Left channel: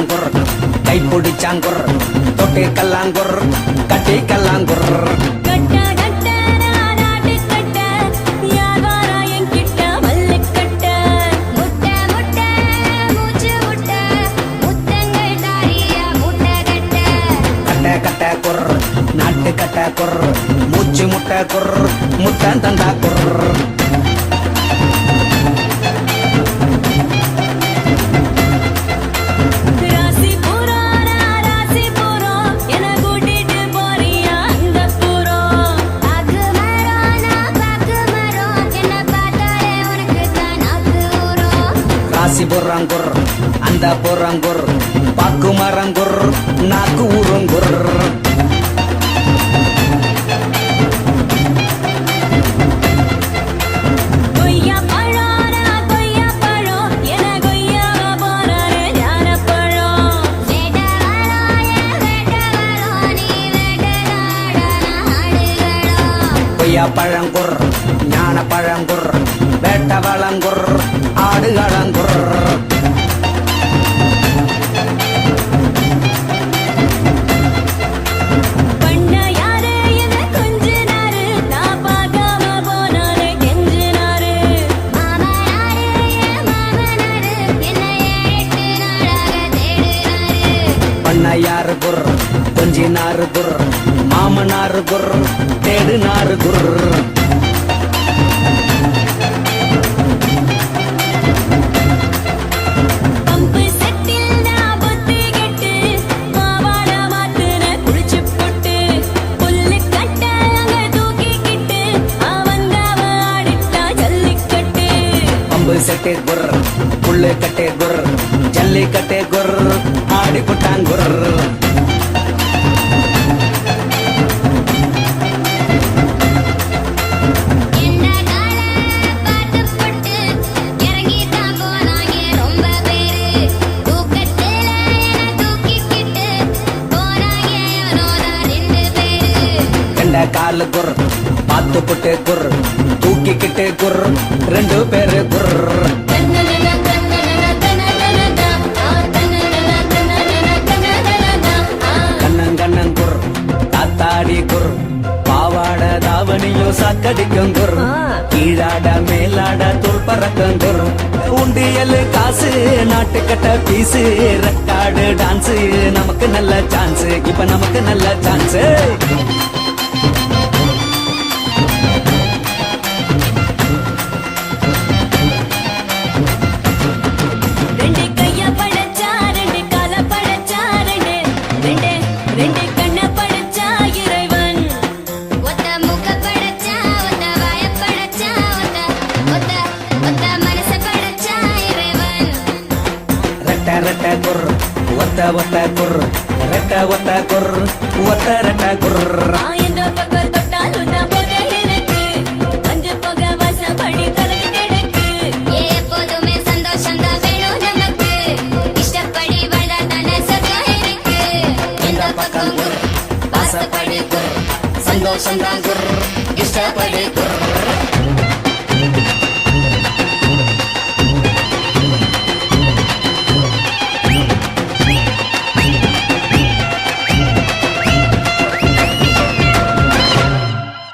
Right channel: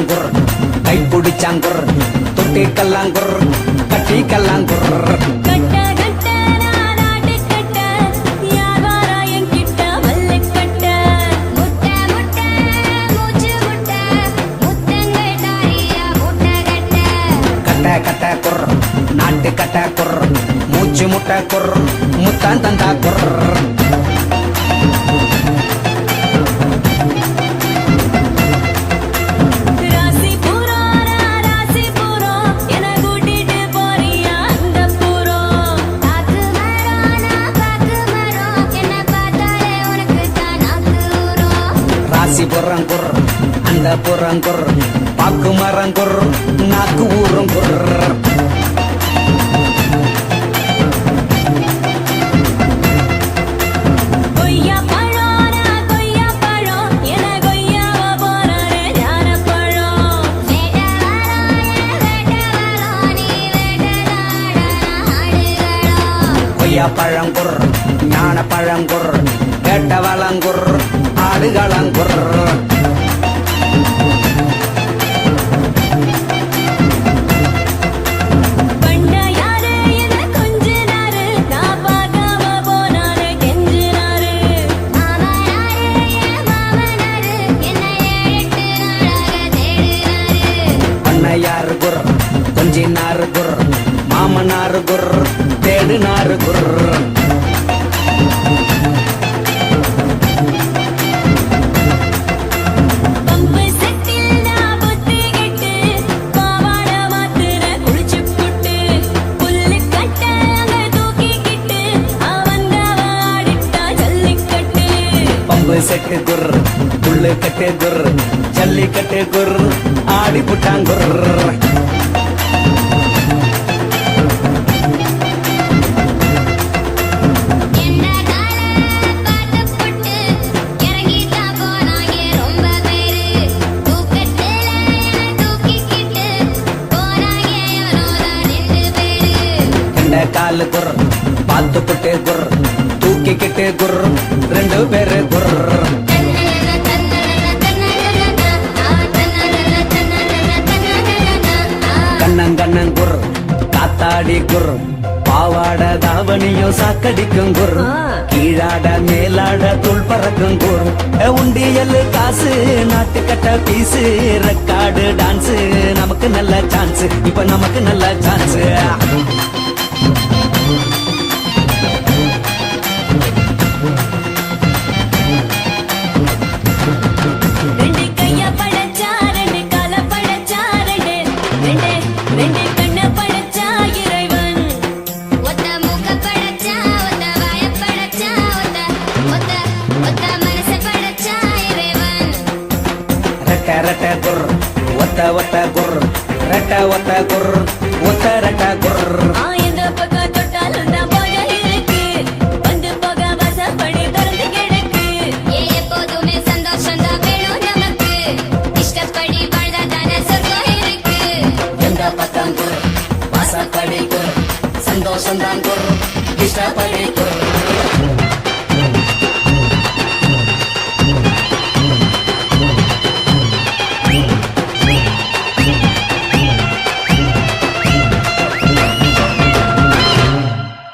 வச்சாங்குர் கை பிடிச்சாங்குர் தொட்டி கல்லாங்குர் கட்டி கல்லாங்குர் கட்ட கட்ட நாடு கட்ட யார் வாரா என்கிட்ட மல்லு கட்ட முட்டை முட்டை மூச்சு முட்டை முத்தங்கள் தாரியா முட்டை கட்ட கட்ட கட்ட குர் நாட்டு கட்ட குர் மூச்சு முட்டை குர் முத்தன் தந்தா குர் ராசிபுரங்குர் அந்த புறங்குர் பாக்கு மரங்குர் நாக்கு ஊரங்குர் கொய்யா பழம் கொய்யா பழம் என கொய்யாவ போறாரு ஞான பழம் வேட்டவளோ நீ வேட்டதாட நாடுகளோ கொய்யா பழங்குர் ஞான பழங்குர் வேட்ட வளங்குர் ஆடுகளங்குர் பண்ண யாரு என கொஞ்சினாரு நான் பார்க்காம போனாரு கெஞ்சினாரு மாமனாரு என் மாமனாரு என்னை 7-8 நாளாக தேடினாரு பண்ணையாரு குர் கொஞ்சினாரு குர் மாமனாரு குர் தேடுனாரு குர் பம்பு செட்டில் நான் புத்தி கெட்டு பாவாட மாத்துன குளிச்சு புட்டு புல்லு கட்ட அங்க தூக்கிக்கிட்டு அவங்க ஆடிட்டா ஜல்லிக்கட்டு பம்பு செட்டே குர் புல்லு கட்டே குர் ஜல்லிக்கட்டே குர் ஆடி புட்டான் குர் என்ன கால பார்த்து புட்டு இறங்கித்தான் போனாங்க ரொம்ப பேரு தூக்கத்துல என தூக்கிக்கிட்டு போனாங்க எவனோதான் 2 பேரு கண்ட காலு குர் பார்த்து புட்டே குர் தூக்கிக்கிட்டே குர் 2 பேரு குர் கண்ணன் கண்ணன் குர் காத்தாடி குர் பாவாட தாவணியும் சாக்கடிக்கும் குர் கீழாட மேலாட தோல் பறக்கும் குர் உண்டியல் காசு நாட்டுக்கட்ட பீசு ரெக்கார்டு டான்ஸ் நமக்கு நல்ல சான்ஸ் இப்ப நமக்கு நல்ல சான்ஸ் ரெண்டு கைய படைச்சா 2 கால படைச்சா 2 கண்ண படைச்சா இறைவன் ஒத்த மூக்க படைச்சா ஒத்த வாய படைச்சா ஒத்த மனச படைச்சா இறைவன் ரெட்ட ரெட்ட குர் ஒத்த ஒத்த குர் ரெட்ட ஒத்த குர் ஒத்த ரெட்ட குர் எந்த பக்கம் தொட்டாலும் தான் போல இருக்கு வந்து போக வாசப்படி திறந்து கிடக்கு எப்போதுமே சந்தோஷம் தான் வேணும் நமக்கு இஷ்டப்படி வாழதான சொர்க்கம் இருக்கு எந்த பக்கம் குர் வாசப்படி குர் சந்தோஷம் தான் குர் இஷ்டப்படி குர்